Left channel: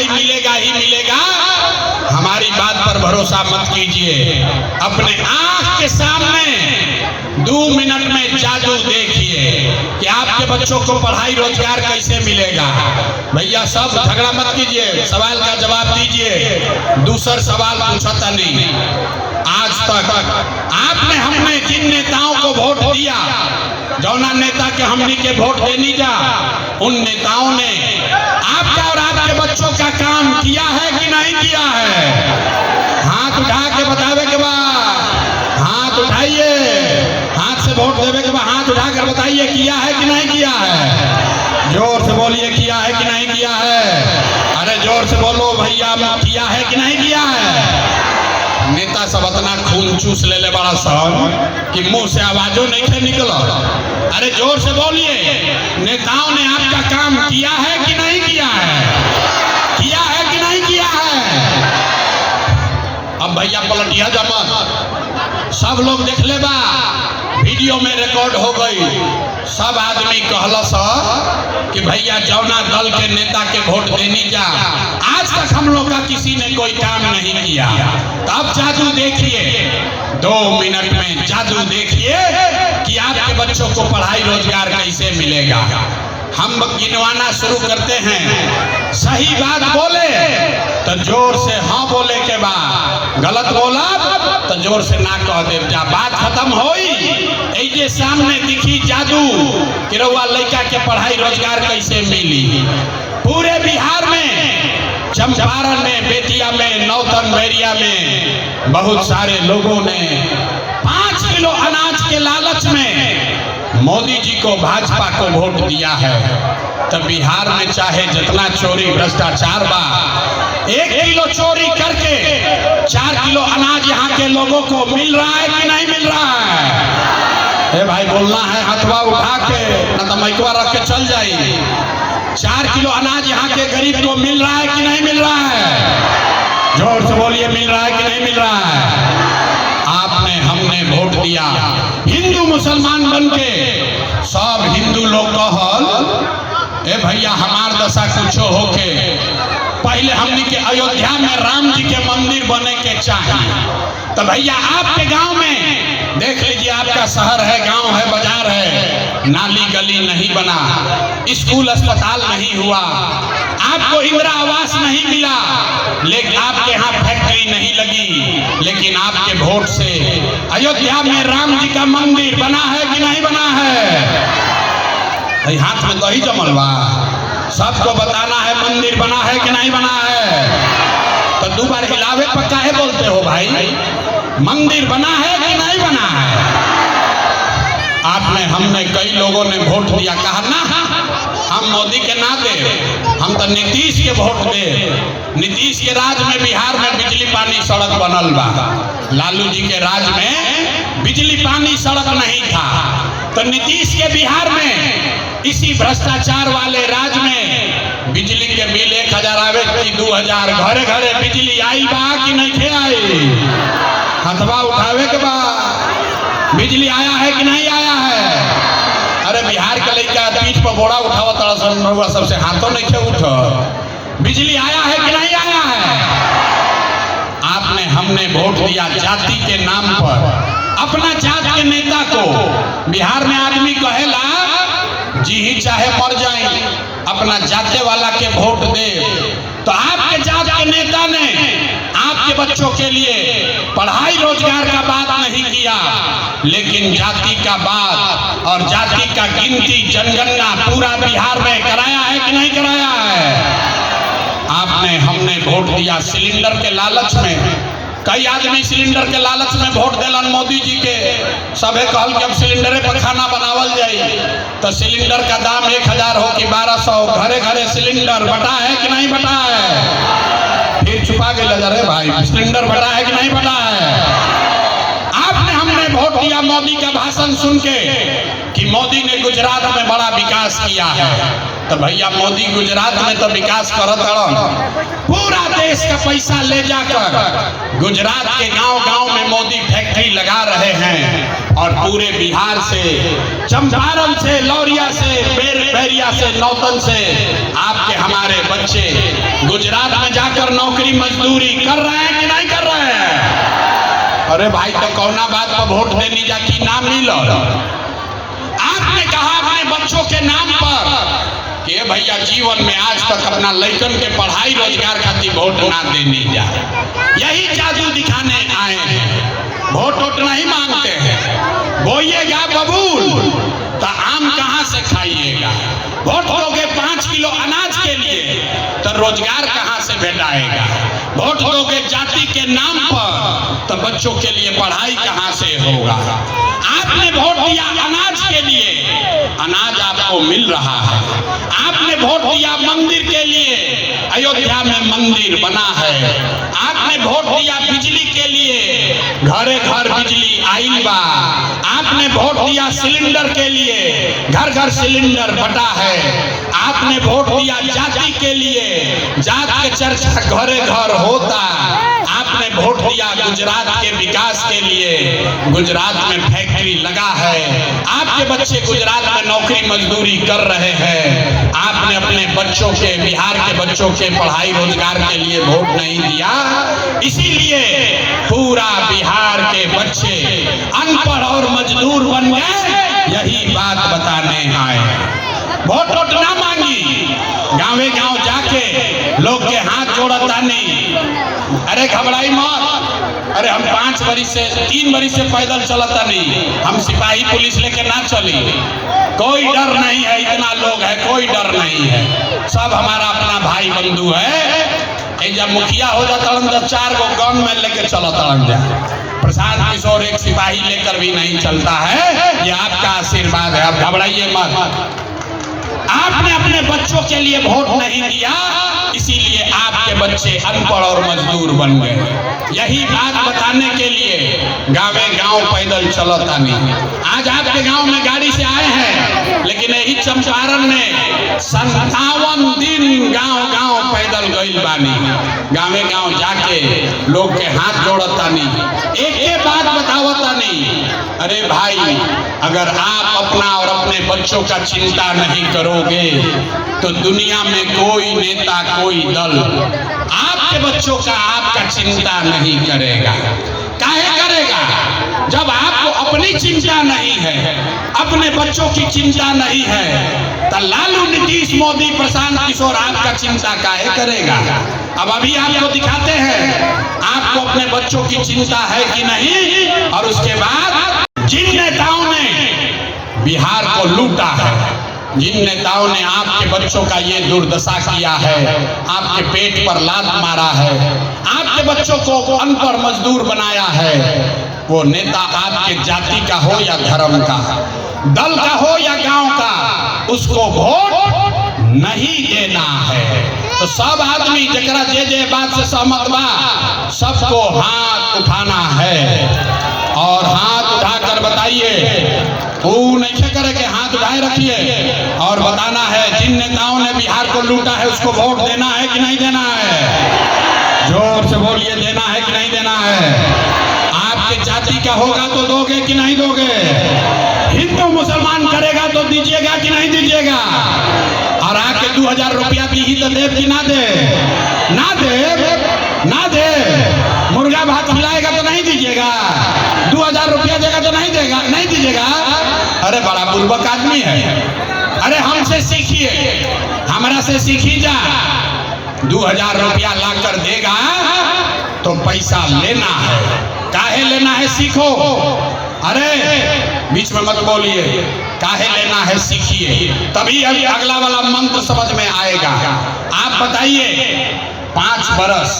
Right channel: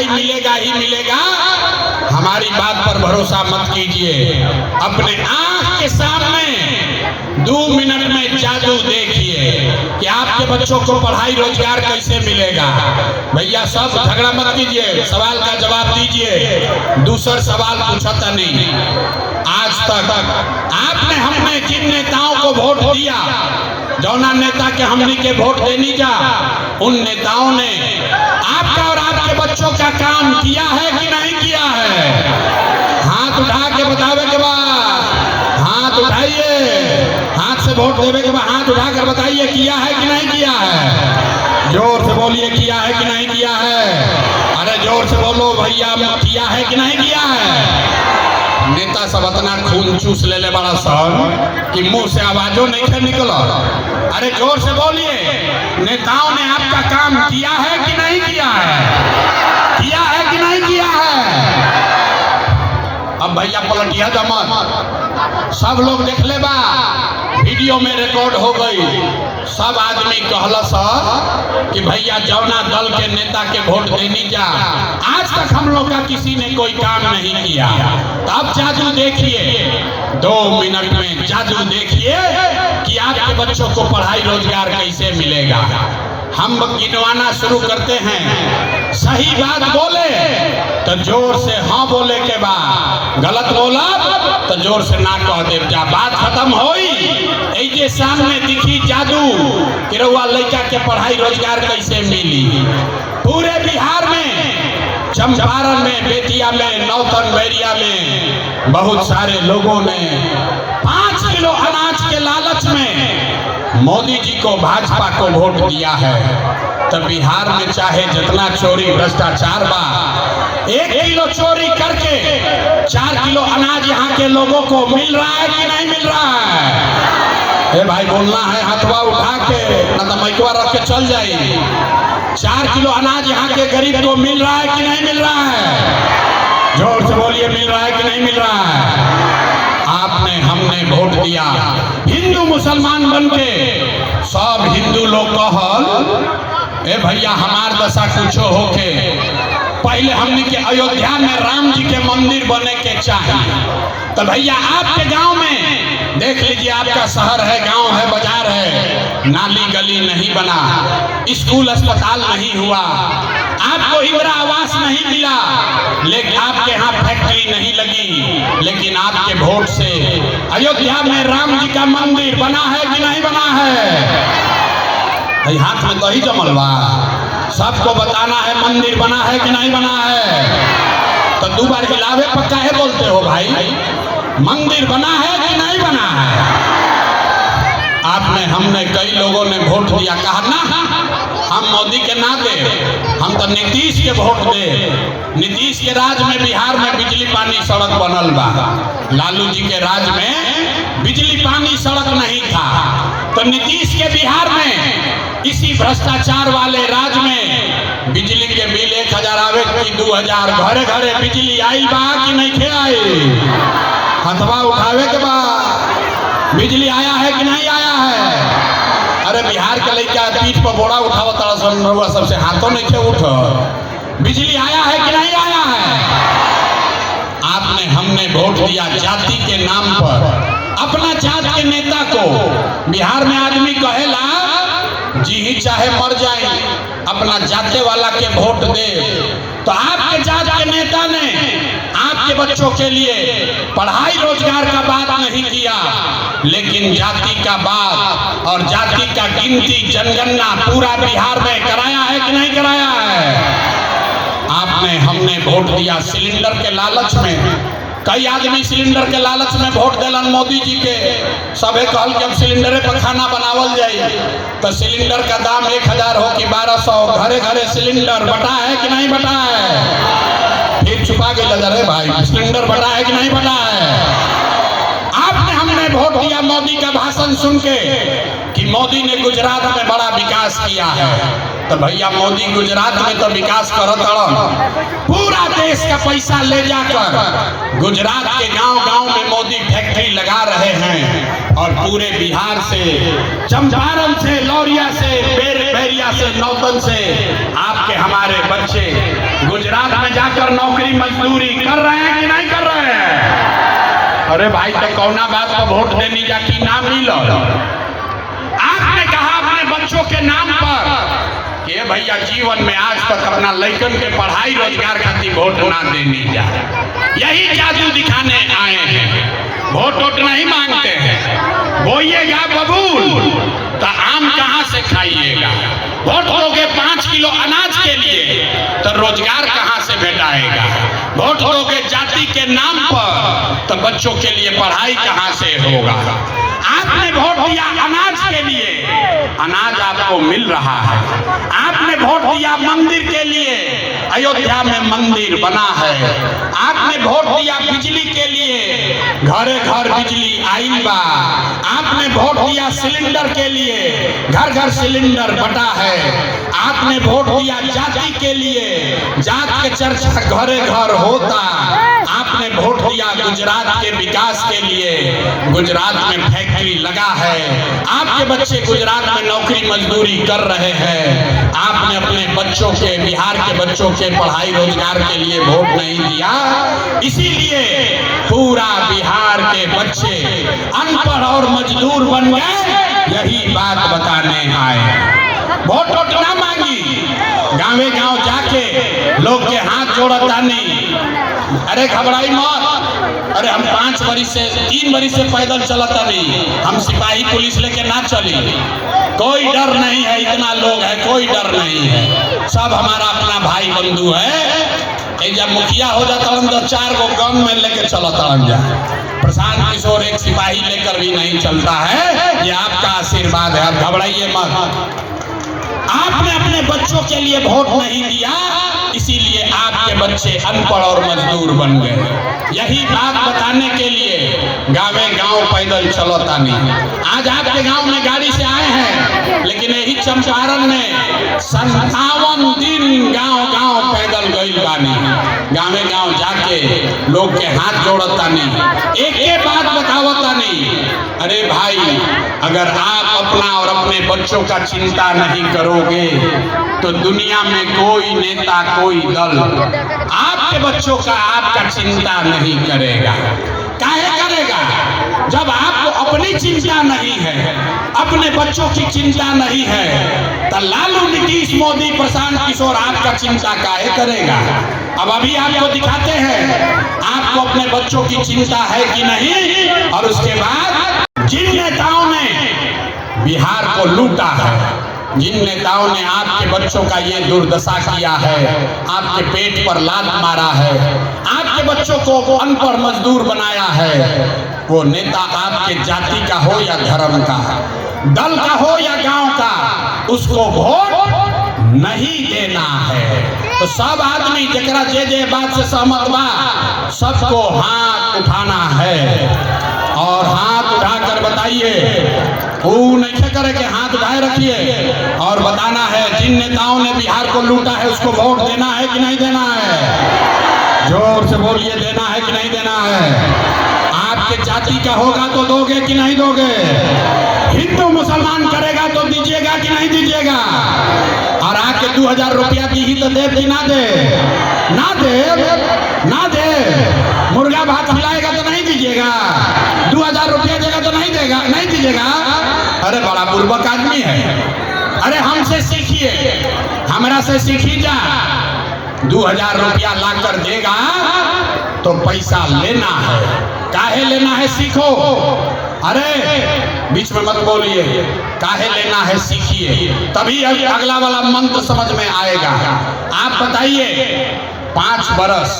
पढ़ाई मिलेगा ही मिलेगा, हमारी बात पर भरोसा मत कीजिए। अपने आंख के सामने 2 मिनट में जादू देखिए कि आपके बच्चों को पढ़ाई रोजगार कैसे मिलेगा। भैया सब झगड़ा मत कीजिए, सवाल का जवाब दीजिए। दूसरा सवाल पूछा था नहीं, आज तक आपने हमने जिन नेताओं को वोट दिया, जौना नेता के हमने के वोट देनी जा, उन नेताओं ने आपका और आपके बच्चों का काम किया है कि नहीं किया है? हाथ उठा के बतावे के बाद हाथ उठाइए, हाथ से वोट देवे के बाद हाथ उठाकर बताइए किया है कि नहीं किया है। जोर से बोलिए किया है कि नहीं किया है। अरे जोर से बोलो भैया, किया है कि नहीं किया है। नेता सब इतना खून चूस ले बड़ा सब कि मुंह से आवाजों नहीं निकला। अरे जोर से बोलिए, नेताओं ने आपका काम किया है कि नहीं किया है? किया है कि नहीं किया है? अब भैया पलटिया जमा सब लोग देख ले बा, वीडियो में रिकॉर्ड हो गई। सब आदमी कहला सा कि भैया जौना दल के नेता के वोट देनी जा, आज तक हम लोग का किसी ने कोई काम नहीं किया। अब जादू देखिए, 2 मिनट में जादू देखिए कि आपके बच्चों को पढ़ाई रोजगार कैसे मिलेगा। हम गिनवाना शुरू करते हैं, सही बात बोले तो जोर से हाँ बोले के बाद, गलत बोला तो जोर से ना कह दे जा। बात खत्म होई, ऐसे सामने दिखी जादू कि रउआ लड़का के पढ़ाई रोजगार कैसे मिली। पूरे बिहार में, चंपारण में, बेतिया में, नौतन बैरिया में बहुत सारे लोगों ने 5 किलो अनाज के लालच में मोदी जी को, भाजपा को वोट दिया है। तो बिहार में चाहे जितना चोरी भ्रष्टाचार बा, 1 किलो चोरी करके 4 किलो अनाज यहाँ के लोगों को मिल रहा है कि नहीं मिल रहा है? ए भाई बोलना है, हथवा उठा के, न तो माइकवा रख के चल जाइए। 4 किलो अनाज यहाँ के गरीब को मिल रहा है कि नहीं मिल रहा है? जोर से बोलिए, मिल रहा है कि नहीं मिल रहा है? आपने हमने वोट दिया, हिंदू मुसलमान बन के सब हिंदू लोग कहल ए भैया हमार दशा कुछो होके पहले हमने के अयोध्या में राम जी के मंदिर बने के चाहिए। तो भैया आपके गांव में देख लीजिए, आपका शहर है, गांव है, बाजार है, नाली गली नहीं बना, स्कूल अस्पताल नहीं हुआ, आपको इंदिरा आवास नहीं मिला, लेकिन आपके यहाँ फैक्ट्री नहीं लगी, लेकिन आपके वोट से अयोध्या में राम जी का मंदिर बना है कि नहीं बना है? भाई हाथ में दही जमल बा, सबको बताना है मंदिर बना है कि नहीं बना है। तो 2 बार हिलावे पर काहे बोलते हो भाई? मंदिर बना है कि नहीं बना है? आपने हमने कई लोगों ने वोट दिया, कहा ना हम मोदी के ना दे, हम तो नीतीश के वोट दे। नीतीश के राज में बिहार में बिजली पानी सड़क बनल बा, लालू जी के राज में बिजली पानी सड़क नहीं था। तो नीतीश के बिहार में इसी भ्रष्टाचार वाले राज में बिजली के बिल 1000 आवे कि 2000, घरे घरे बिजली आई बा कि नहीं थे आई? हथवा उठावे के बाद बिजली आया है कि नहीं आया है? अरे बिहार के लड़का पीठ पर बोरा उठावा तड़सन, रउआ सबसे हाथों नहीं थे उठ। बिजली आया है कि नहीं आया है? आपने हमने वोट दिया जाति के नाम पर, अपना जात के नेता को। बिहार में आदमी कहेला जी ही चाहे मर जाए, अपना जाते वाला के वोट दे। तो आपके जात के नेता ने आपके बच्चों के लिए पढ़ाई रोजगार का बात नहीं किया, लेकिन जाति का बात और जाति का गिनती जनगणना पूरा बिहार में कराया है कि नहीं कराया है? आपने हमने वोट दिया सिलेंडर के लालच में। कई आदमी सिलेंडर के लालच में वोट दिलन मोदी जी के। सबे कहल कि अब सिलेंडरे पर खाना बनावल जाए, तो सिलेंडर का दाम 1000 हो कि 1200, घरे घरे सिलेंडर बटा है कि नहीं बटा है? फिर छुपा के लगा रहे भाई, सिलेंडर बटा है कि नहीं बटा है? आपने हमने वोट दिया मोदी का भाषण सुन के कि मोदी ने गुजरात में बड़ा विकास किया है। तो भैया मोदी गुजरात में तो विकास करत पूरा देश का पैसा ले जाकर गुजरात के गांव-गांव में मोदी फैक्ट्री लगा रहे हैं, और पूरे बिहार से, चंपारण से, लौरिया से, बैरिया से, नौतन से आपके हमारे बच्चे गुजरात में जाकर नौकरी मजदूरी कर रहे हैं कि नहीं कर रहे हैं? अरे भाई तो कौना बात पर वोट देनी जाती नाम मिलो। आपने कहा अपने बच्चों के नाम पर कि भैया जीवन में आज तक अपना लड़कन के पढ़ाई रोजगार खातिर वोट ना देनी जा, यही जादू दिखाने आए हैं। वोट नहीं मांगते हैं, बोइएगा बबूल तो आम कहाँ से खाइएगा? वोट दोगे 5 किलो अनाज के लिए तो रोजगार कहाँ से भेटाएगा? वोट दोगे जाति के नाम पर तो बच्चों के लिए पढ़ाई कहाँ से होगा? आपने वोट दिया अनाज के लिए, अनाज आपको मिल रहा है। आपने वोट दिया मंदिर के लिए, अयोध्या में मंदिर बना है। आपने वोट दिया बिजली के लिए, घरे घर बिजली आइल बा। आपने वोट दिया सिलेंडर के लिए, घर घर सिलेंडर बटा है। आपने वोट दिया जाति के लिए, जात के चर्चा घरे घर होता। आपने वोट दिया गुजरात के विकास के लिए, गुजरात में फैक्ट्री लगा है। आपके बच्चे गुजरात में नौकरी मजदूरी कर रहे हैं। आपने अपने बच्चों के, बिहार के बच्चों के पढ़ाई रोजगार के लिए वोट नहीं दिया, इसीलिए पूरा बिहार के बच्चे अनपढ़ और मजदूर बन गए। यही बात बताने आए। वोट ना मांगी, गाँवे गाँव जाके लोग के हाथ जोड़ता नहीं। अरे घबराई मत, अरे हम 5 बरिस से 3 बरिस से पैदल चलता नहीं, हम सिपाही पुलिस लेके ना चली, कोई डर नहीं है। इतना लोग है, कोई डर नहीं है, सब हमारा अपना भाई बंधु है। जब मुखिया हो जाता हम 4 गो गन में लेके चलता हम जा। प्रशांत किशोर एक सिपाही लेकर भी नहीं चलता है, ये आपका आशीर्वाद है, आप घबराइए मत। आपने अपने बच्चों के लिए वोट नहीं दिया, इसीलिए आपके बच्चे अनपढ़ और मजदूर बन गए। यही बात बताने के लिए गाँवे गाँव पैदल चलता नहीं। आज आपके गांव में गाड़ी से आए हैं, लेकिन यही चंपारण में 57 दिन गांव गांव पैदल गई बानी। गाँवे गांव जाके लोग के हाथ जोड़ता नहीं, एक बात बतावता नहीं। अरे भाई, अगर आप अपना और अपने बच्चों का चिंता नहीं करोगे तो दुनिया में कोई नेता, कोई दल आपके बच्चों का, आपका चिंता नहीं करेगा। काहे करेगा? जब आपको अपनी चिंता नहीं है, अपने बच्चों की चिंता नहीं है, तो लालू, नीतीश, मोदी, प्रशांत किशोर आपका चिंता काहे करेगा? अब अभी आपको दिखाते हैं आपको अपने बच्चों की चिंता है कि नहीं। और उसके बाद जिन नेताओं ने बिहार को लूटा है, जिन नेताओं ने आपके बच्चों का ये दुर्दशा किया है, आपके पेट पर लात मारा है, आपके बच्चों को अनपढ़ मजदूर बनाया है, वो नेता आपके जाति का हो या धर्म का, दल का हो या गांव का, उसको वोट नहीं देना है। तो सब आदमी जरा जे बात से सहमत बा, सबको हाथ उठाना है और हाथ उठाकर बताइए। वो नहीं करे कि हाथ उठाए रखिए और बताना है जिन नेताओं ने बिहार को लूटा है उसको वोट देना है कि नहीं देना है। जोर से बोलिए, देना है कि नहीं देना है। आपके जाति का होगा तो दोगे कि नहीं दोगे? हिंदू मुसलमान करेगा तो दीजिएगा कि नहीं दीजिएगा? और आके 2000 रुपया दी तो दे कि ना दे? ना दे, ना दे। मुर्गा भात खिलाएगा तो नहीं दीजिएगा? 2000 रुपया देगा तो नहीं देगा, नहीं दीजिएगा? अरे बड़ा बुर्बक आदमी है। अरे हमसे सीखिए, हमरा से सीखी जा। 2000 रुपया लाकर देगा तो पैसा लेना है, काहे लेना है सीखो। अरे बीच में मत बोलिए, काहे लेना है सीखिए, तभी अगला वाला मंत्र समझ में आएगा। आप बताइए, 5 बरस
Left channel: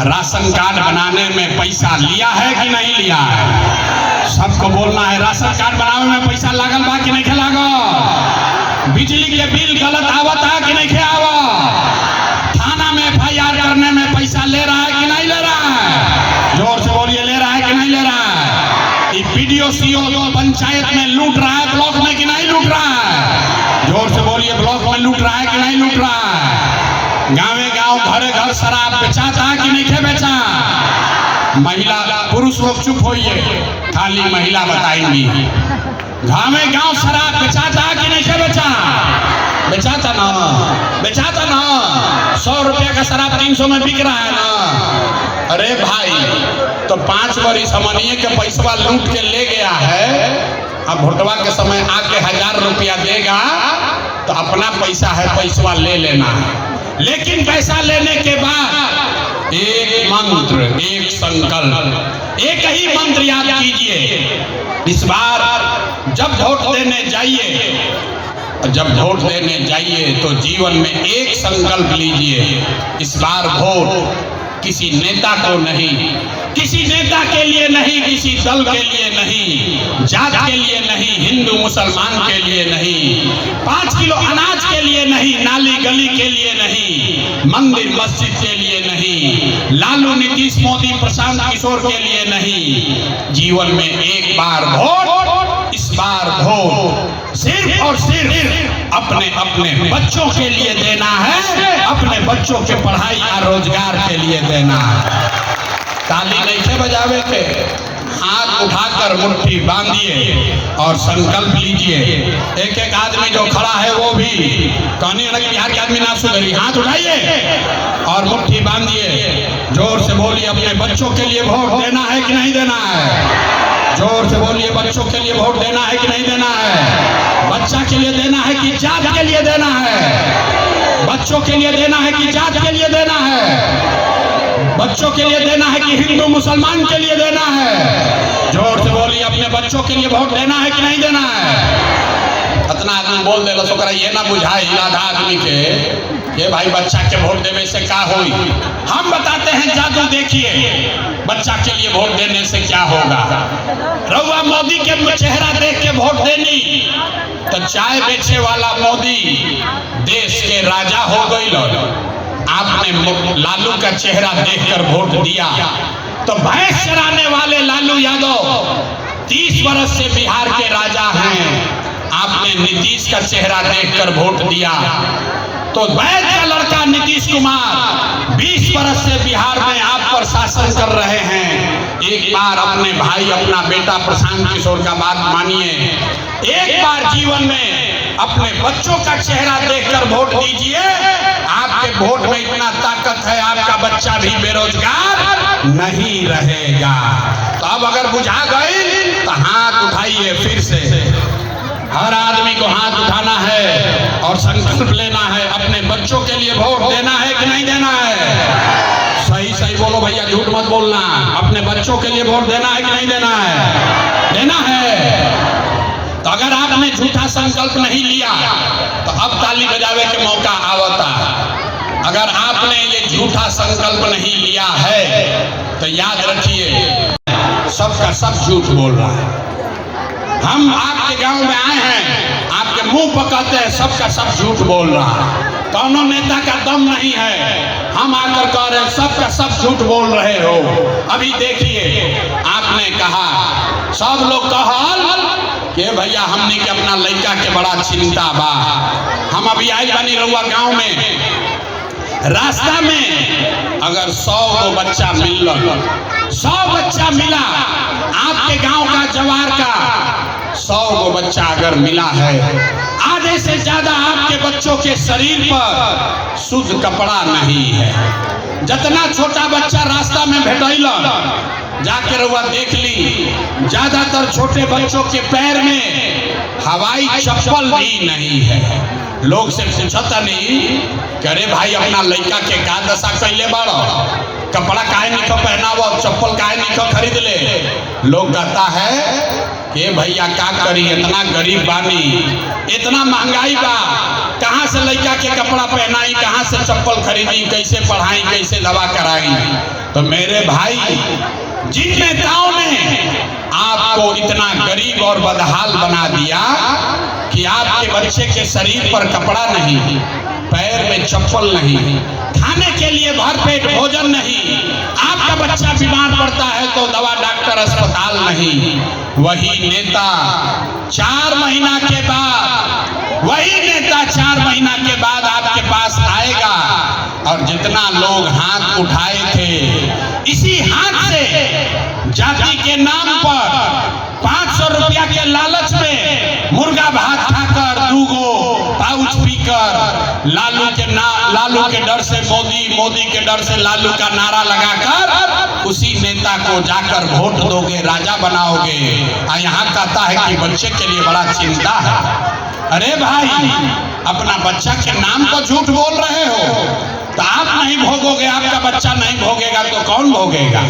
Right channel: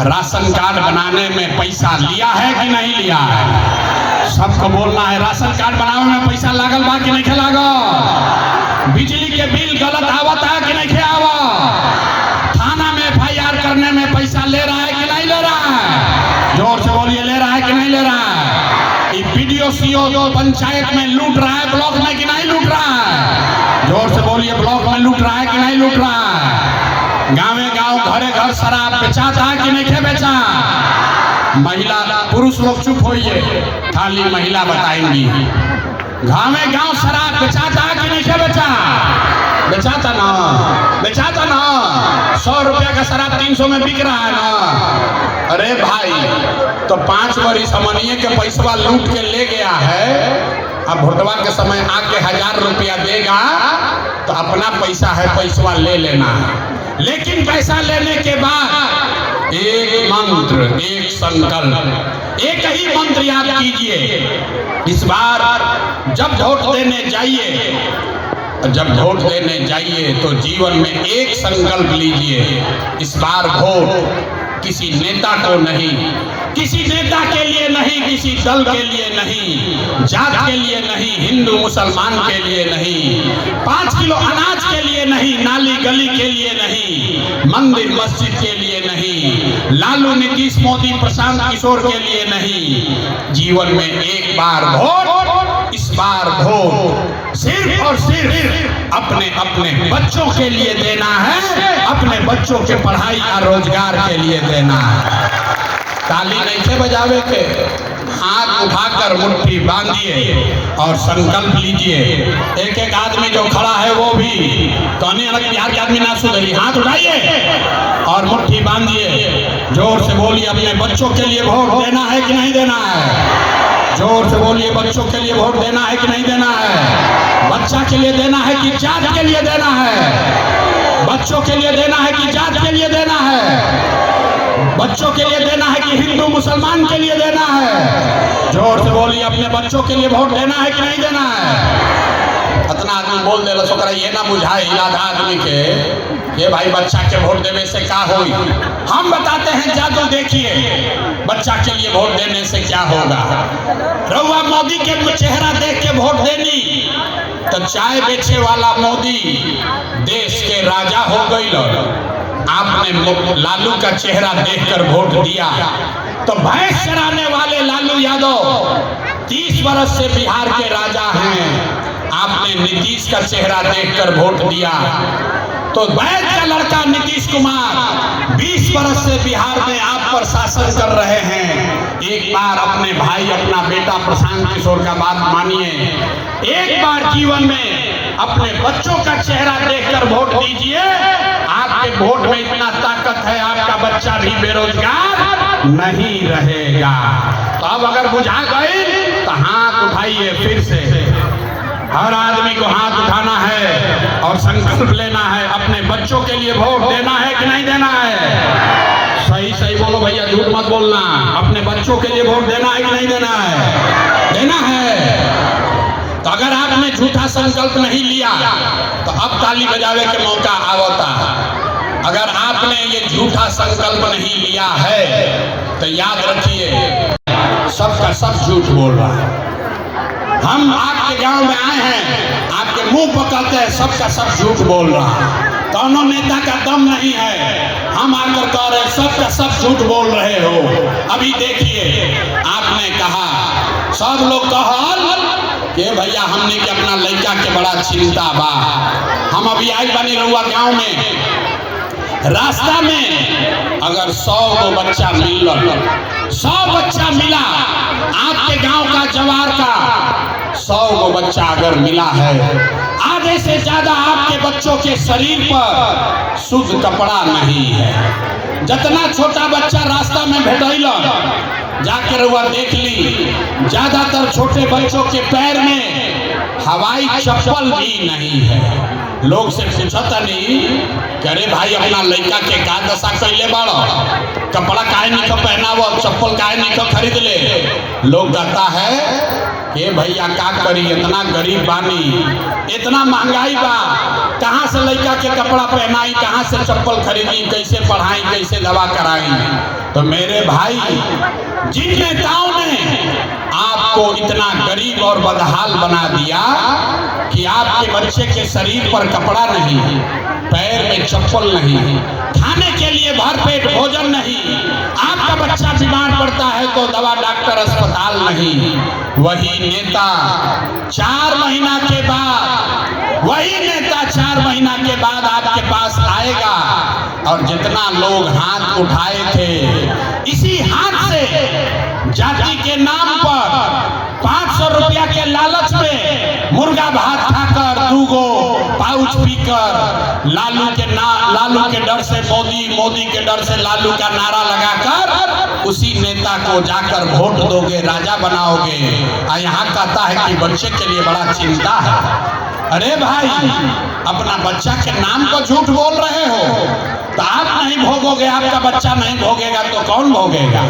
राशन कार्ड बनाने में पैसा लिया है कि नहीं लिया है? सबको बोलना है, राशन कार्ड बनाने में पैसा लागल बा कि नहीं लागल? बिजली के बिल गलत आवत है कि नहीं आवत? थाना में FIR करने में पैसा ले रहा है कि नहीं ले रहा है? जोर से बोलिए, ले रहा है कि नहीं ले रहा है? BDO CO पंचायत में लूट रहा है, ब्लॉक में कि नहीं लूट रहा है? जोर से बोलिए, ब्लॉक में लूट रहा है कि नहीं लूट रहा है? गाँवे गाँव, घरे घर शराब बेचाता है कि नहीं बेचा? महिला, पुरुष लोग चुप होइए, खाली महिला बताएंगी। गाँवे गाँव शराब बेचाता है कि नहीं बेचा? बेचाता ना, बेचाता ना। 100 रुपया का शराब 300 में बिक रहा है ना। अरे भाई तो 5 वरिश हमनिए के पैसा लूट के ले गया है, अब भोटवा के समय आके 1000 रुपया देगा तो अपना पैसा है, पैसा ले लेना है। लेकिन पैसा लेने के बाद एक मंत्र, एक संकल्प, एक ही मंत्र याद कीजिए। इस बार जब वोट देने जाइए, जब वोट देने जाइए तो जीवन में एक संकल्प लीजिए, इस बार वोट किसी नेता को नहीं, किसी नेता के लिए नहीं, किसी दल के लिए नहीं, जात के लिए नहीं, हिंदू मुसलमान के लिए नहीं, 5 किलो अनाज के लिए नहीं, नाली गली के लिए नहीं, मंदिर मस्जिद के लिए नहीं, लालू नीतीश मोदी प्रशांत किशोर के लिए नहीं। जीवन में एक बार वोट, इस बार वोट सिर्फ और सिर्फ अपने अपने बच्चों के लिए देना है, अपने बच्चों के पढ़ाई और रोजगार के लिए देना है। ताली नहीं थे बजावे के, हाथ उठाकर मुट्ठी बांधिए और संकल्प लीजिए। एक एक आदमी जो खड़ा है वो भी कहने लगे बिहार के आदमी ना सुधरी, हाथ उठाइए और मुट्ठी बांधिए, जोर से बोलिए अपने बच्चों के लिए वोट देना है कि नहीं देना है। जोर से बोलिए बच्चों के लिए वोट देना है कि नहीं देना है। बच्चा के लिए देना है कि जात के लिए देना है। बच्चों के लिए देना है कि जात के लिए देना है। बच्चों के लिए देना है कि हिंदू मुसलमान के लिए देना है। जोर से बोलिए अपने बच्चों के लिए वोट देना है कि नहीं देना है। इतना आदमी बोल दे तो ये ना बुझाए आधा आदमी के ये भाई बच्चा के वोट देने से क्या होई। हम बताते हैं जादू देखिए, बच्चा के लिए वोट देने से क्या होगा। रउआ मोदी के चेहरा देख के वोट देनी तो चाय बेचे वाला मोदी देश के राजा हो गई। आपने लालू का चेहरा देखकर वोट दिया तो भैंस चराने वाले लालू यादव 30 वर्ष से बिहार के राजा हैं। आपने नीतीश का चेहरा देखकर वोट दिया तो वैद का लड़का नीतीश कुमार 20 वर्ष से बिहार में आप पर शासन कर रहे हैं। एक बार अपने भाई, अपना बेटा प्रशांत किशोर का बात मानिए। एक बार जीवन में अपने बच्चों का चेहरा देखकर वोट दीजिए। आपके वोट में इतना ताकत है, आपका बच्चा भी बेरोजगार नहीं रहेगा। तो अब अगर बुझा गई तो हाथ उठाइए फिर से। हर आदमी को हाथ उठाना है और संकल्प लेना है, अपने बच्चों के लिए वोट देना है कि नहीं देना है। सही सही बोलो भैया, झूठ मत बोलना। अपने बच्चों के लिए वोट देना है कि नहीं देना है। देना है। तो अगर आपने झूठा संकल्प नहीं लिया तो अब ताली बजावे के मौका आवता। अगर आपने ये झूठा संकल्प नहीं लिया है तो याद रखिए सबका सब झूठ बोल रहा है। हम आपके गांव में आए हैं, आपके मुंह पर कहते हैं सबका सब झूठ बोल रहा है, दोनों नेता का दम नहीं है। हम आकर कह रहे हैं सबका सब झूठ बोल रहे हो। अभी देखिए आपने कहा, सब लोग कहल कि भैया हमने के अपना लड़का के बड़ा चिंता बा। हम अभी आए बानी रउआ गांव में, रास्ता में अगर 100 को बच्चा मिल, 100 बच्चा मिला आपके गांव का जवार का, 100 को बच्चा अगर मिला है, आधे से ज्यादा आपके बच्चों के शरीर पर शुद्ध कपड़ा नहीं है। जितना छोटा बच्चा रास्ता में भेटैला जाके रउआ देख ली, ज्यादातर छोटे बच्चों के पैर में हवाई चप्पल भी नहीं है। लोग से पूछता नहीं करे भाई अपना लड़का के का दशा कैले बाड़ो, कपड़ा काहे नहीं पहनावो, चप्पल काहे नहीं खरीद ले। लोग कहता है कि भैया का करी, इतना गरीब बानी, इतना महंगाई बा, कहाँ से लड़का के कपड़ा पहनाई, कहाँ से चप्पल खरीदी, कैसे पढ़ाई, कैसे दवा कराई। तो मेरे भाई, जिन नेताओं ने आपको इतना गरीब और बदहाल बना दिया कि आपके बच्चे के शरीर पर कपड़ा नहीं, पैर में चप्पल नहीं, खाने के लिए भरपेट भोजन नहीं, आपका बच्चा बीमार पड़ता है तो दवा डॉक्टर अस्पताल नहीं, वही नेता 4 महीना के बाद, वही नेता 4 महीना के बाद आपके पास आएगा और जितना लोग हाथ उठाए थे इसी हाथ से जाति के नाम पर 500 रुपया के लालच में मुर्गा भात खाकर दूगो पाउच पीकर लालू के डर से मोदी के डर से लालू का नारा लगाकर उसी नेता को जाकर वोट दोगे, राजा बनाओगे। यहाँ कहता है कि बच्चे के लिए बड़ा चिंता है। अरे भाई, अपना बच्चा के नाम पर झूठ बोल रहे हो तो आप नहीं भोगोगे, आपका बच्चा नहीं भोगेगा तो कौन भोगेगा?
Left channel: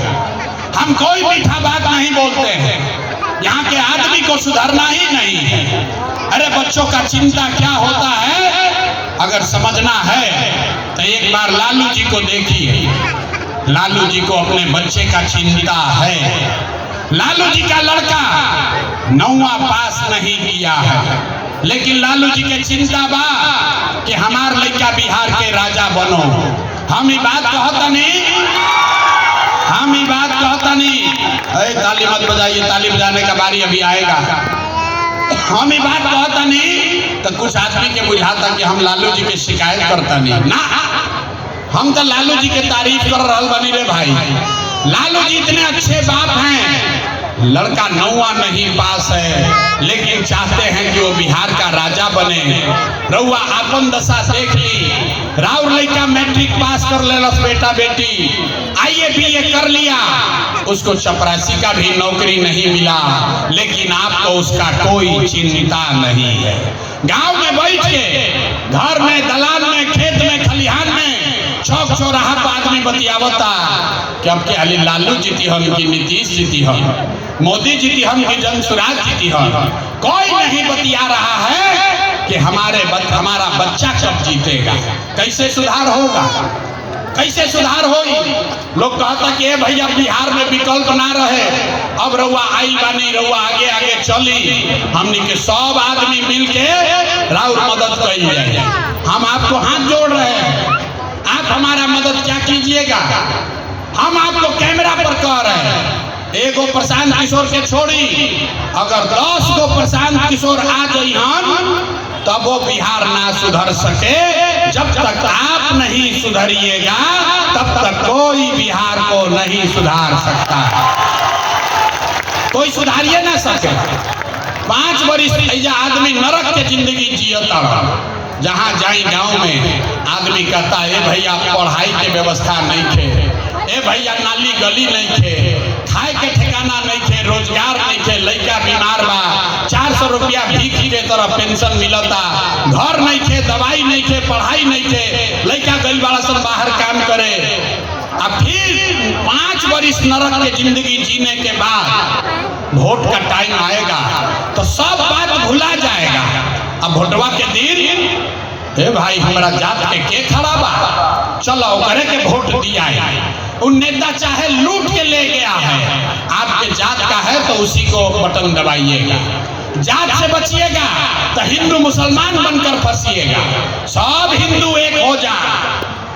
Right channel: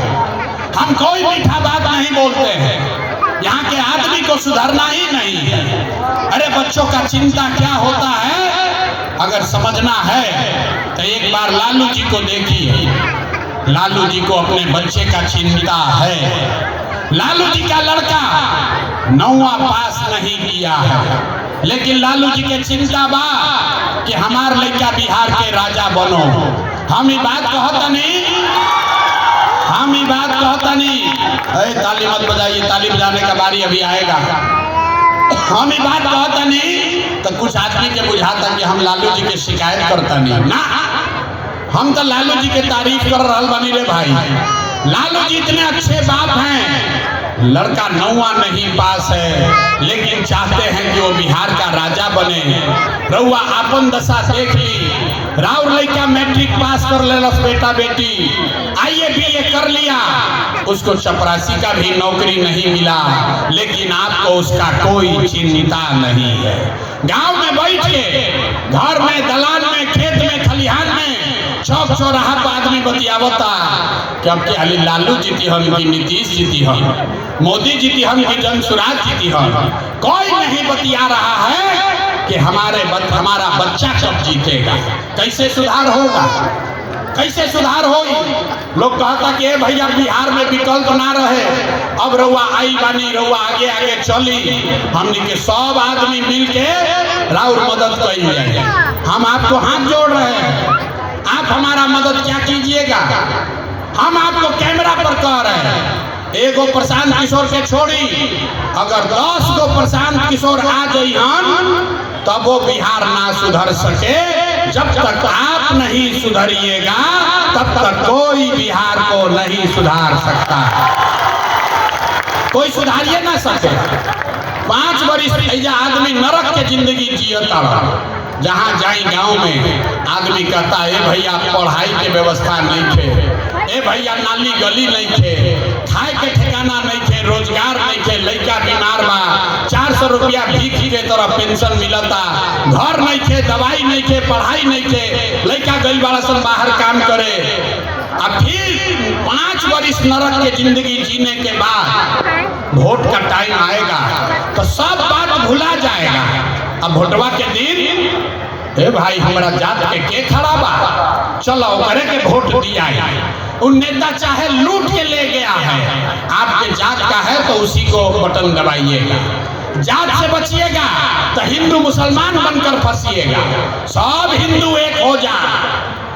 हम कोई मीठा बात नहीं बोलते हैं, यहाँ के आदमी को सुधरना ही नहीं है। अरे बच्चों का चिंता क्या होता है, अगर समझना है तो एक बार लालू जी को देखिए। लालू जी को अपने बच्चे का चिंता है। लालू जी का लड़का 9वां पास नहीं किया है, लेकिन लालू जी के चिंता बा कि हमार लड़का बिहार के राजा बनो। हम ये बात कहता नहीं, हम ये बात कहता नहीं। अरे ताली मत बजाइए, ताली बजाने का बारी अभी आएगा। हम ये बात कहता नहीं तो कुछ आदमी के बुझाता कि हम लालू जी के शिकायत करता नहीं ना। हम तो लालू जी के तारीफ कर रहा बनी रे भाई। लालू जी इतने अच्छे बाप हैं, लड़का 9वां नहीं पास है लेकिन चाहते हैं कि वो बिहार का राजा बने। रउआ आपन दशा देख ली, राउर लड़का मैट्रिक पास कर लेलस बेटा बेटी, IAA BA कर लिया, उसको चपरासी का भी नौकरी नहीं मिला, लेकिन आपको उसका कोई चिंता नहीं है। गांव में बैठ के, घर में, दलान में, खेत में, खलिहान में, चौक चौराहा पर आदमी बतियावता कि अब के अली लालू जीती हम कि नीतीश जीती हम, मोदी जीती हम कि जनसुराज जीती हम। कोई नहीं बतिया रहा है कि हमारा बच्चा कब जीतेगा, कैसे सुधार होगा, कैसे सुधार होगी। लोग कहता कि भैया बिहार में विकल्प ना रहे, अब रउआ आई बानी, रउआ आगे आगे चली, हमनी के सब आदमी मिल के राउर मदद करी जाए। हम आपको हाथ जोड़ रहे हैं, आप हमारा मदद क्या कीजिएगा। हम आपको कैमरा पर कह रहे हैं, एगो प्रशांत किशोर के छोड़ी, अगर 10 गो प्रशांत किशोर आ जाइहन तब वो बिहार ना सुधर सके। जब तक आप नहीं सुधरिएगा तब तक कोई बिहार को नहीं सुधार सकता, कोई सुधारिए ना सके। 5 वर्ष ऐसा आदमी नरक के जिंदगी जियता रहा। जहाँ जाई गांव में आदमी कहता है भैया पढ़ाई के व्यवस्था नहीं थे, ए भैया नाली गली नहीं थे, खाए के ठिकाना नहीं थे, रोजगार नहीं थे, लड़का बीमार बा, 400 रुपया भीख के तरह पेंशन मिलता, घर नहीं थे, दवाई नहीं थे, पढ़ाई नहीं थे, लड़का गई बड़ा सब बाहर काम करे। अब फिर 5 वर्ष नरक के जिंदगी जीने के बाद वोट का टाइम आएगा तो सब बात भुला जाएगा। अब वोटवा के दिन, हे भाई हमारा जात के खड़ा बा, चलो करे के वोट दिया है। उन नेता चाहे लूट के ले गया है, आपके जात का है तो उसी को बटन दबाइएगा। जात से बचिएगा तो हिंदू मुसलमान बनकर फंसिएगा। सब हिंदू एक हो जा।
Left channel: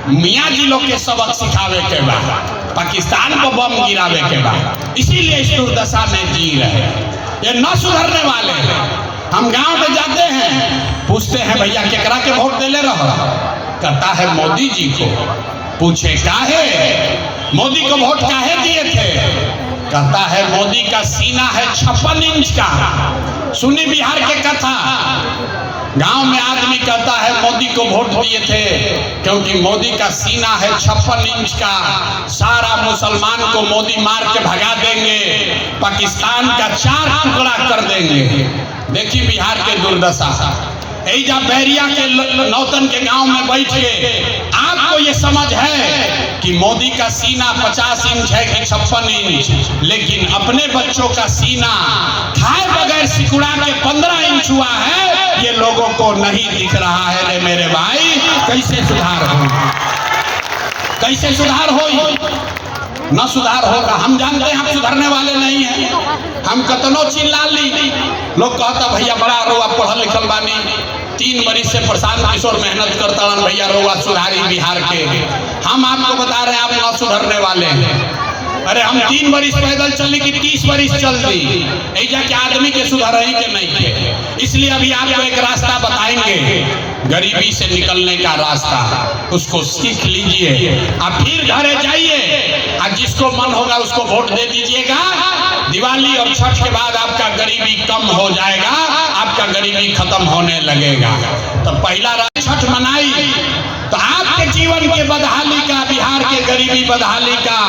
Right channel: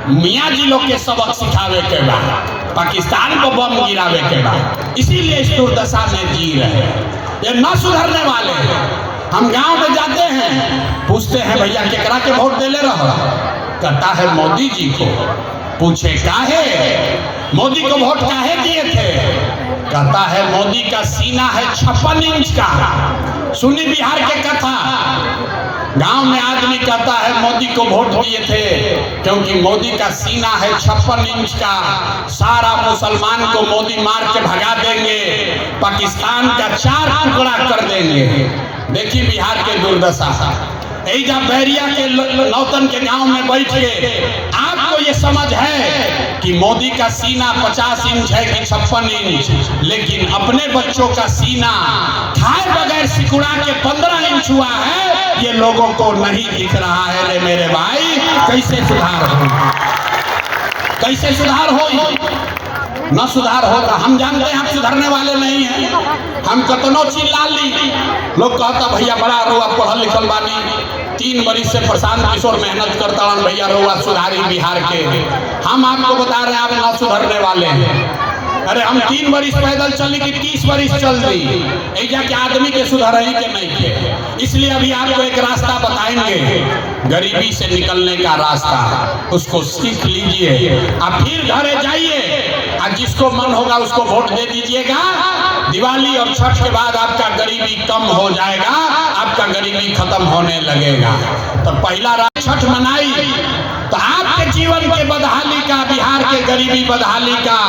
मियाँ जी लोग के सबक सिखावे के बाद, पाकिस्तान को बम गिरावे के बाद, इसीलिए इस दुर्दशा में जी रहे हैं। ये न सुधरने वाले हैं। हम गांव में जाते हैं, पूछते हैं भैया केकरा के वोट देले रहो, कहता है मोदी जी को। पूछे काहे, मोदी को वोट काहे दिए थे, कहता है मोदी का सीना है 56 इंच का। सुनी बिहार के कथा। गांव में आदमी कहता है मोदी को वोट दिए थे क्योंकि मोदी का सीना है 56 इंच का, सारा मुसलमान को मोदी मार के भगा देंगे, पाकिस्तान का 4 टुकड़ा कर देंगे। देखिए बिहार के दुर्दशा। ऐजा बैरिया के नौतन के गांव में बैठ के आपको ये समझ है कि मोदी का सीना 50 इंच है कि 56 इंच, लेकिन अपने बच्चों का सीना खाए बगैर सिकुड़ा के 15 इंच हुआ है, ये लोगों को नहीं दिख रहा है। रे मेरे भाई, कैसे सुधार हो, कैसे सुधार हो? न सुधार होगा। हम जानते हैं हम सुधरने वाले नहीं हैं। हम कतनो चिल्ला ली, लोग कहता भैया बड़ा रोआ पढ़ल लिखल बानी, 3 वर्ष से प्रशांत किशोर मेहनत करता हूँ, भैया रोआ सुधारी बिहार के। हम आपको बता रहे हैं आप न सुधरने वाले हैं। अरे हम 3 वर्ष पैदल चली कि 30 वर्ष चल दी, ऐजा के आदमी के सुधर ही के नहीं थे। इसलिए अभी आपको एक रास्ता बताएंगे, गरीबी से निकलने का रास्ता, उसको सीख लीजिए। आप फिर घरे जाइए, आज जिसको मन होगा उसको वोट दे दीजिएगा। दिवाली और छठ के बाद आपका गरीबी कम हो जाएगा, आपका गरीबी खत्म होने लगेगा। तो पहला छठ मनाई तो आपके जीवन के बदहाली का, बिहार के गरीबी बदहाली का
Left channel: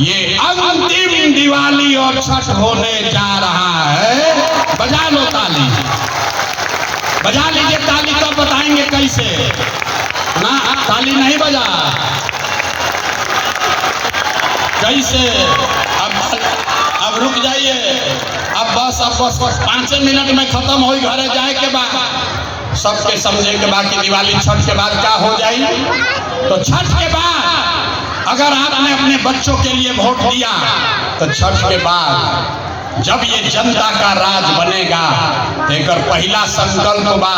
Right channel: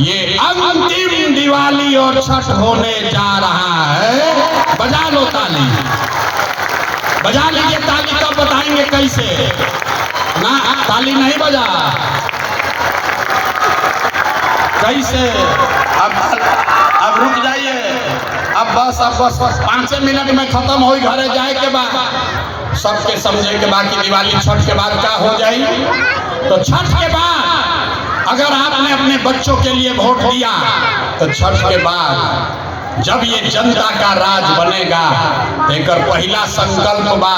ये अंतिम दिवाली और छठ होने जा रहा है। बजा लो ताली, बजा लीजिए ताली, तो बताएंगे कैसे ना। ताली नहीं बजा कैसे? अब रुक जाइए, अब बस 5 मिनट में खत्म हो घरे जाए के बाद सबके समझे के बाद कि दिवाली छठ के बाद क्या हो जाए। तो छठ के बाद अगर आपने अपने बच्चों के लिए वोट दिया तो छठ के बाद जब ये जनता का राज बनेगा तो एक पहला संकल्प बा,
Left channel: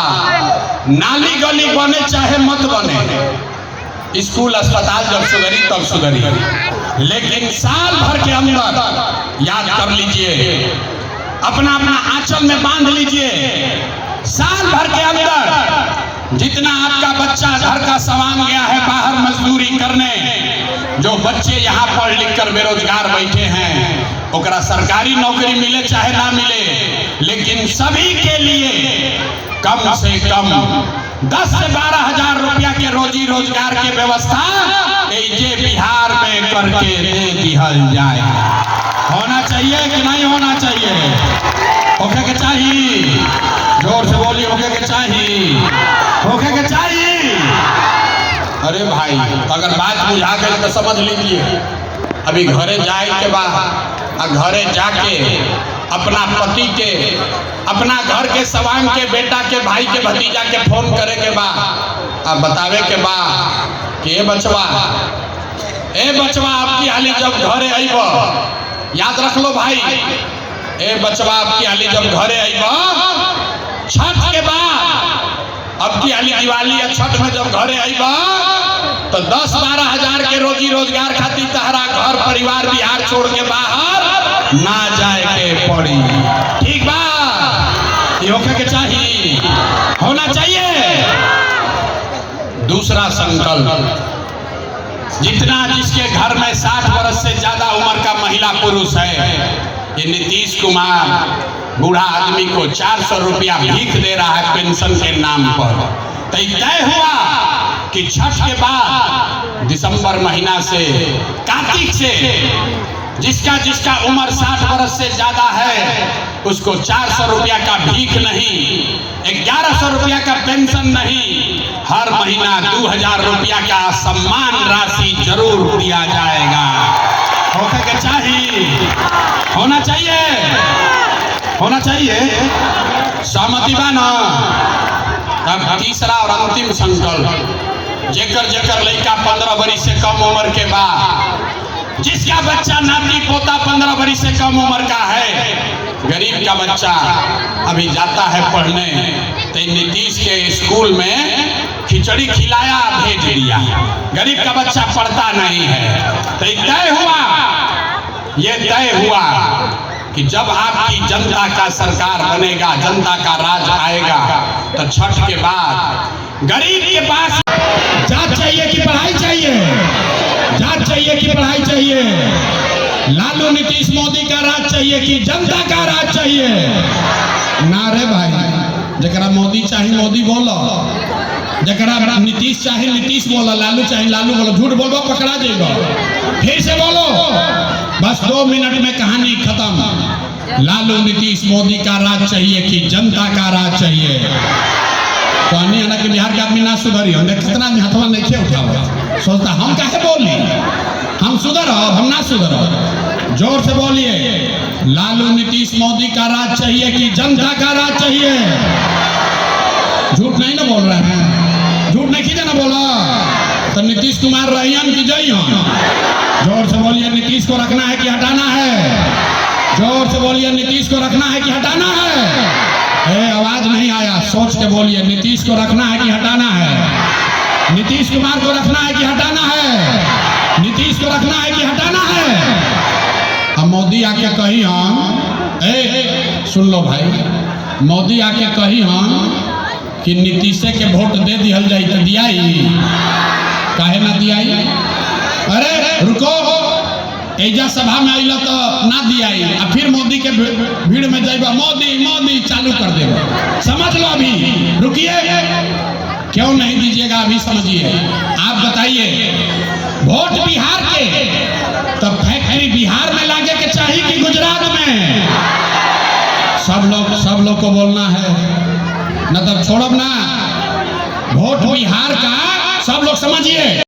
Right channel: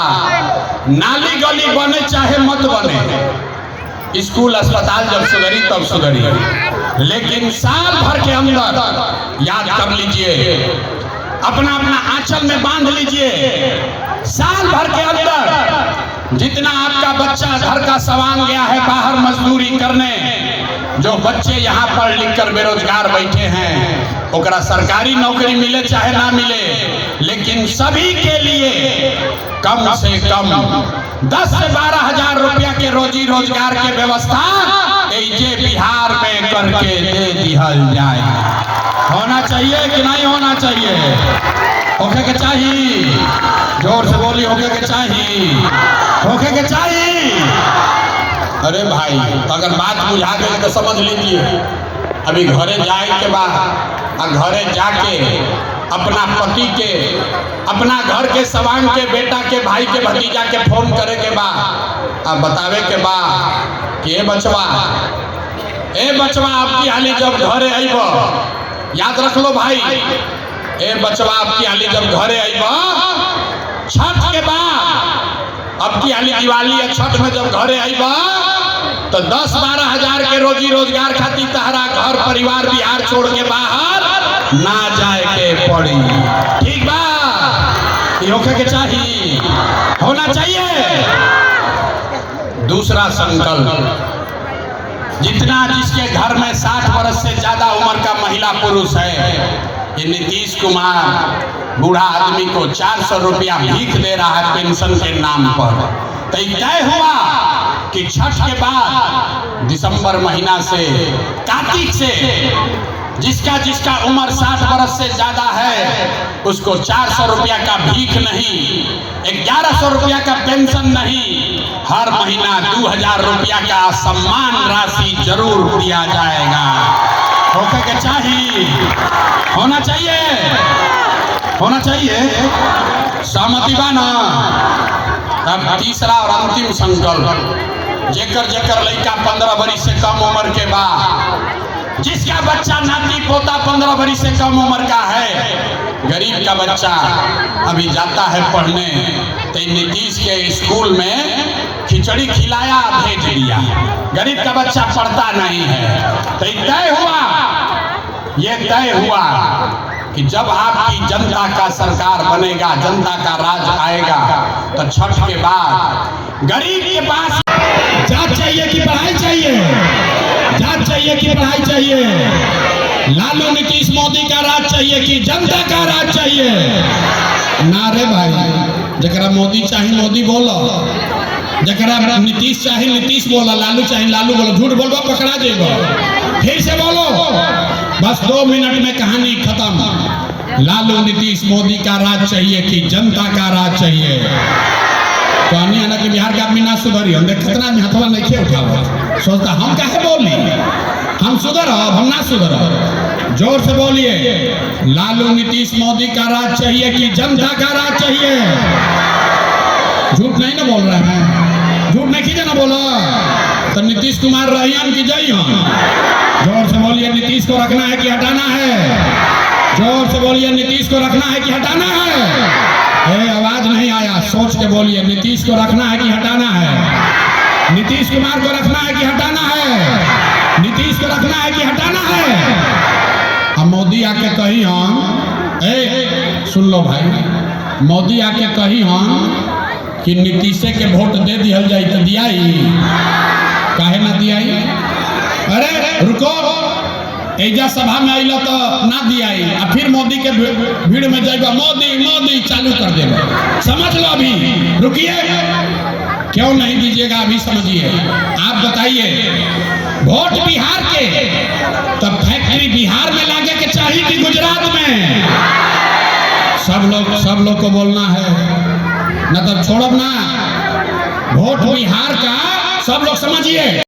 नाली गली बने चाहे मत बने, स्कूल अस्पताल जब सुधरी तब सुधरी, लेकिन साल भर के अंदर याद कर लीजिए, अपना अपना आंचल में बांध लीजिए, साल भर के अंदर जितना आपका बच्चा घर का सवांग गया है बाहर मजदूरी करने, जो बच्चे यहाँ पढ़ लिख कर बेरोजगार बैठे हैं, ओकरा सरकारी नौकरी मिले चाहे ना मिले, लेकिन सभी के लिए कम से कम 10 से 12 हजार रुपया के रोजी रोजगार के व्यवस्था ये बिहार में करके दे दिहल जाए। होना चाहिए कि नहीं होना चाहिए? होके के चाहिए, जोर से बोली, होके के चाहिए, होके के चाहिए। अरे भाई अगर बात बुझा गई तो समझ लीजिए, अभी घरे जाए के बाद घरे जाके अपना पति के, अपना घर के सवांग के, बेटा के, भाई के, भतीजा के फोन करे के बाद बतावे के बाद कि ए बचवा आपकी हाली जब घरे आइब, याद रख लो भाई, ए बचवा आपकी हाली जब घरे आइब छठ के बाद, अब की हाली दिवाली या छठ में जब घरे आइब तो 10-12 हजार के रोजी रोजगार खातिर तहरा घर परिवार बिहार छोड़ के बाहर ना जाए के पड़ी। ठीक बा? होके के चाहिए, होना चाहिए। दूसरा संकल्प, जितना जिसके घर में 60 वर्ष से ज्यादा उम्र का महिला पुरुष है, ये नीतीश कुमार बूढ़ा आदमी को 400 रुपया भीख दे रहा है पेंशन के नाम पर। तो तय हुआ कि छठ के बाद दिसंबर महीना से, कार्तिक से, जिसका उम्र 60 वर्ष से ज्यादा है उसको 400 रुपया का भीख नहीं, 1100 रुपया का पेंशन नहीं, हर महीना 2000 रुपया का सम्मान राशि जरूर दिया जाएगा। होके के चाहिए, होना चाहिए, होना चाहिए। सहमति बा ना? अब तीसरा और अंतिम संकल्प, जेकर लड़का 15 वर्ष से कम उम्र के बाद, जिसका बच्चा नाती पोता 15 वर्ष से कम उम्र का है, गरीब का बच्चा अभी जाता है पढ़ने, तो नीतीश के स्कूल में खिचड़ी खिलाया भेज दिया, गरीब का बच्चा पढ़ता नहीं है। तो ये तय हुआ कि जब आपकी जनता का सरकार बनेगा, जनता का राज आएगा, तो छठ के बाद गरीब के पास जांच चाहिए कि पढ़ाई चाहिए, जांच चाहिए कि पढ़ाई चाहिए, लालू नीतीश मोदी का राज चाहिए कि जनता का राज चाहिए? नारे भाई, जरा मोदी चाहिए मोदी बोलो, जरा नीतीश चाहिए नीतीश बोलो, लालू चाहिए लालू बोलो। झूठ बोलो पकड़ा जाएगा। फिर से बोलो, बस 2 मिनट में कहानी खत्म। लालू नीतीश मोदी का राज चाहिए कि जनता का राज चाहिए? कहानी है ना कि बिहार के आदमी ना सुधरी, हम कितना हथवा नहीं खे उठा, सोचता हम काहे बोली, हम सुधर हम ना सुधर। जोर से बोलिए, लालू नीतीश मोदी का राज चाहिए कि जनता का राज चाहिए? झूठ नहीं ना बोल रहे हैं, झूठ नहीं कीजिए ना बोला तो नीतीश कुमार रहियन की जइयन। जोर से बोलिए, नीतीश को रखना है कि हटाना है? जोर से बोलिए, नीतीश को रखना है कि हटाना है? आवाज नहीं आया, सोच के बोलिए, नीतीश को रखना है कि हटाना है? नीतीश कुमार को रखना है कि हटाना है? नीतीश को रखना है कि हटाना है? अब मोदी आके कही हम, सुन लो भाई, मोदी आके कही हम कि नीतीश के वोट दे दिहल जाए तो दियाई, काहे ना दियाई? अरे रुको, एजा सभा में अइला तो ना दियाई आ फिर मोदी के भीड़ में जाएगा मोदी मोदी चालू कर देगा। समझ लो अभी, रुकिए, क्यों नहीं दीजिएगा अभी समझिए। आप बताइए, वोट बिहार के तो फैक्ट्री बिहार में लागे के चाहिए कि गुजरात में? सब लोग को बोलना है, न तो छोड़ब ना। वोट बिहार का सब लोग समझिए।